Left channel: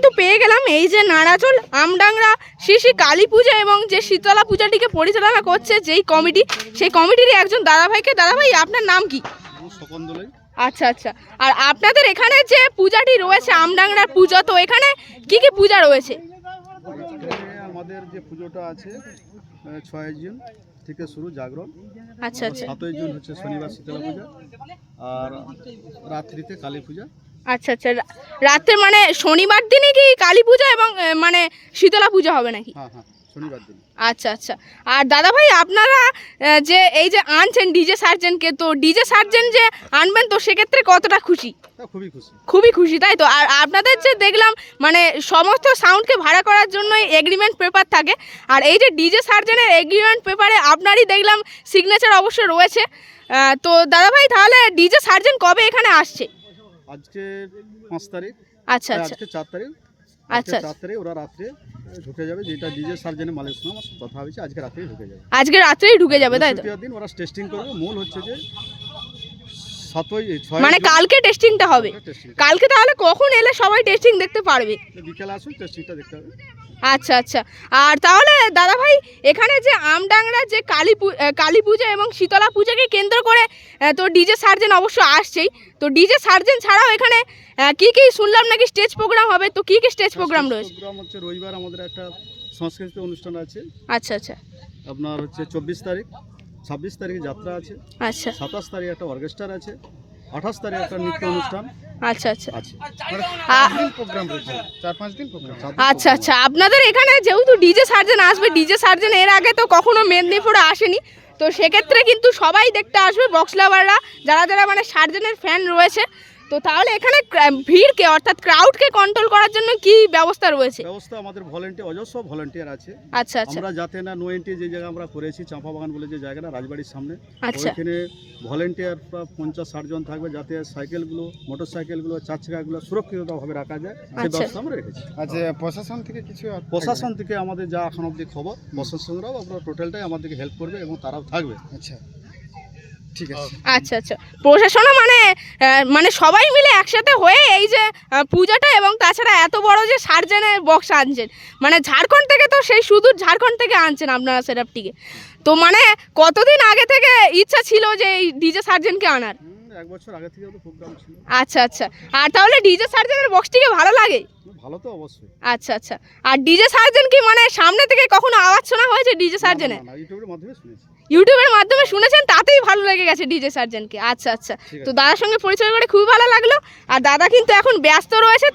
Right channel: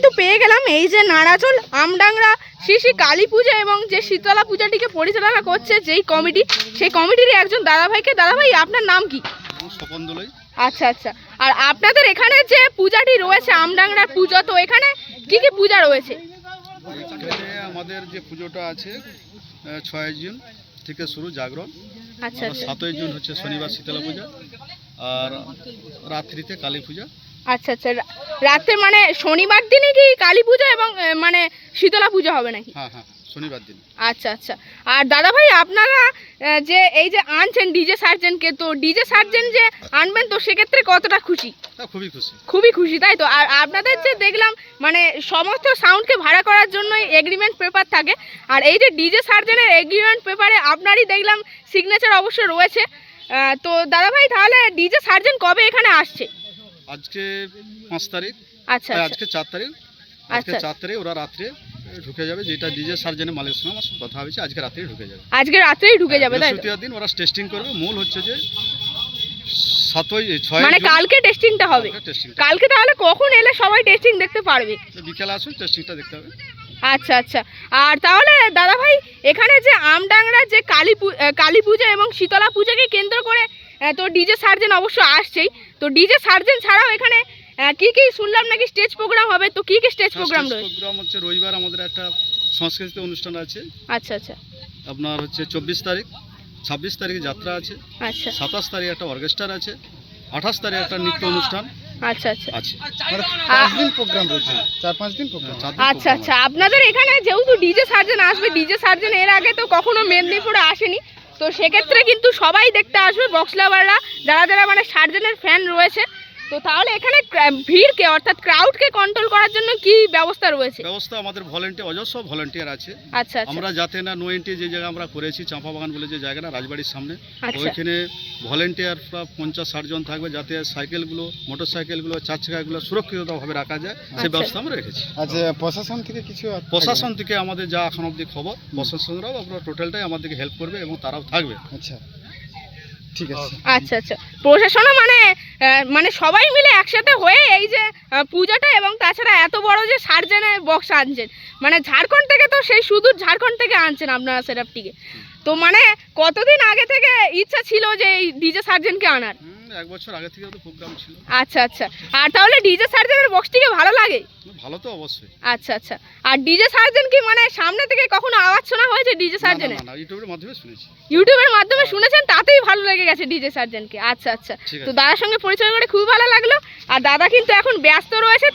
কিন্তু পেয়ে গেলাম এই যে নারাজল আমডাংরা শ্রী শ্রী কালী পূজা এবং যে শীতলা পূজাটিকে পরিচালনা করছে যেই কমিটি, সেই কমিটিরই একজন দাদাভাইকে। দাদাভাই, আপনার নাম কি? স্বপন দোলাই। আচ্ছা আচ্ছা। আর আপনাদের এখানে যে পূজাটি রয়েছে আমডাংরার পূজা, তো এখানে কি কি পূজা রয়েছে? এখানে আমাদের যে পুজোটা আছে 6 জুন থেকে শুরু জাগরণ। আচ্ছা আচ্ছা 7 জুন হচ্ছে শনিবার শীতলা পূজা, আর রাত্রিতে কালী পূজা। আচ্ছা আচ্ছা। রাতে মানে শনিবার দিনই কি কালী পূজা এবং মানে শীতলা পূজা হবে নাকি? হ্যাঁ হ্যাঁ, শনিবার দিন। আচ্ছা আচ্ছা। আর দাদা ভাই, আপনারা যে এই যে আনছেন ডিজে সার্জেনকে, তো ডিজে সার্জেন যে আনবেন, তো সেক্ষেত্রে কতটা খুশি? খুবই খুশি। খুবই খুশি, তাই তো? আর আপনাদের যে দেখলাম মানে সমস্ত সাউন্ডকে ভাড়া করার জন্য এগ্রিমেন্ট পেপার থাকে, আর এই যে ডিজে সার্জেনের এগ্রিমেন্ট পেপারে আপনারই দেখলাম সিগনেচার অবশ্য রয়েছে। তো দাদা ভাই, তাহলে ডিজে সার্জেন কবে এখানে আসছে? আজকে 5 তারিখ। আচ্ছা আচ্ছা আজকে 4 তারিখ। আজকে 4 তারিখ ওরা রাত্রে ঢুকে যাবে, যেটা ডিজে সার্জেনের মালিকের সঙ্গে আমার কথা হয়েছে, আজকে রাত্রেই ঢুকে যাবে। আজকে রাত্রেই ঢুকে যাবে, তাই তো? বৃহস্পতিবার দিন ওরা টেস্টিং করবে। মূল হচ্ছে যে 6 মানে কালকে টেস্টিংটা হবে। কালকে তাহলে কখন এলে সবাই টেস্টিং দেখতে পারবে? বিকেলে আসুন, টেস্টিংটা দেখতে হবে। আচ্ছা আচ্ছা। আর তাহলে দাদা ভাই, এখানে যে আমডাংরা যে কালী পূজা এবং শীতলা পূজাকে কেন্দ্র করে তো ডিজে সার্জেন অবশ্য আসছেই, তো ডিজে সার্জেন ছাড়াও এখানে কি কি শুনলাম নাকি স্টেজ প্রোগ্রাম হবে, তো কি কি স্টেজ প্রোগ্রাম রয়েছে? প্রোগ্রাম হচ্ছে রবিবার আমাদের একটা সাংস্কৃতিক অনুষ্ঠান আছে। আচ্ছা আচ্ছা। আপনার হচ্ছে 24 তারিখ, 26 তারিখে যাত্রা আছে, আচ্ছা 27 তারিখ একটা অর্কেস্ট্রা আছে, 28 তারিখ একটা নৃত্য অনুষ্ঠান আচ্ছা আচ্ছা আছে। 4-5 দিন প্রোগ্রাম রয়েছে, 4-5 দিন প্রোগ্রাম। আচ্ছা আচ্ছা। আপনাদের এখানে যেহেতু ডিজে সার্জেন আসবে, ডিজে সার্জেন এর আগে তো কখনো মেদিনীপুরে আসেনি, তো সেক্ষেত্রে কিন্তু সবাই দেখতে আসবে বক্স লাভাররা, যারা যারা মানে সার্জেনের ফ্যান রয়েছে। তো তাহলে এখানে ভিড়কে অর্থাৎ ক্রাউডকে কন্ট্রোল করার জন্য কি ব্যবস্থা রয়েছে? ব্যবস্থা আমাদের ভলেন্টিয়ার, অজস্র ভলেন্টিয়ার আছে। আচ্ছা আচ্ছা আমরা যাতে না নো এন্ট্রি যে জায়গা আমরা করেছি চাঁপা বাগান বলে যে জায়গাটা রাজবাড়ির সামনে, আচ্ছা ওইখানে ভলেন্টিয়ার প্রায় 50-60 জন থাকবে, যাতে সাইকেলগুলো, মোটর সাইকেলগুলো, 4 চাকাগুলো সুরক্ষিতভাবে রাখা যায়, সেই ব্যবস্থা আমরা রেখেছি। আচ্ছা, প্রশাসন থেকে কিছু প্রশাসন থেকে আমাদের যা এখন অবধি খবর, প্রশাসনরাও আপনার টোটালটাই আমাদেরকে হেল্প করবে এবং তারাও থাকবে। আচ্ছা, ঠিক আছে। আচ্ছা আচ্ছা। প্রশাসনও মানে সবাই মিলে একসাথে হয়ে এই যে পূজাটা এবং তাছাড়া এত বড় যে সার্জেনের বক্স আনছেন, মানে ঝাড়খণ্ড থেকে, তো সেই সুদূর ঝাড়খণ্ড থেকে আনছেন আপনারা সেটআপটিকে, তো মানে কতদিন আগে থেকে ইচ্ছা ছিল যে এই ডিজে সার্জেনকে আনার? 1 বছর আগে থেকে তো প্রোগ্রাম ছিল। আচ্ছা আচ্ছা। আর তাহলে ডিজে সার্জেনের বক্সটিকে ভালো লাগে? ভালো তো অবশ্যই। আচ্ছা আচ্ছা। আর ডিজে সার্জেন কি মানে সামনে থেকে কখনো আওয়াজ শোনা হয়েছে ডিজে সার্জেনের? না, ইউটিউবের মাধ্যমে শুনেছি। ইউটিউবের মাধ্যমে শুনেছেন, তাতেই ভালো লেগে গেছে ডিজে সার্জেনকে। আচ্ছা আচ্ছা। তো দাদার সঙ্গে পরিচয় করে খুবই ভালো লাগলো। আর দাদা কিন্তু এখন ব্যস্ত রয়েছে।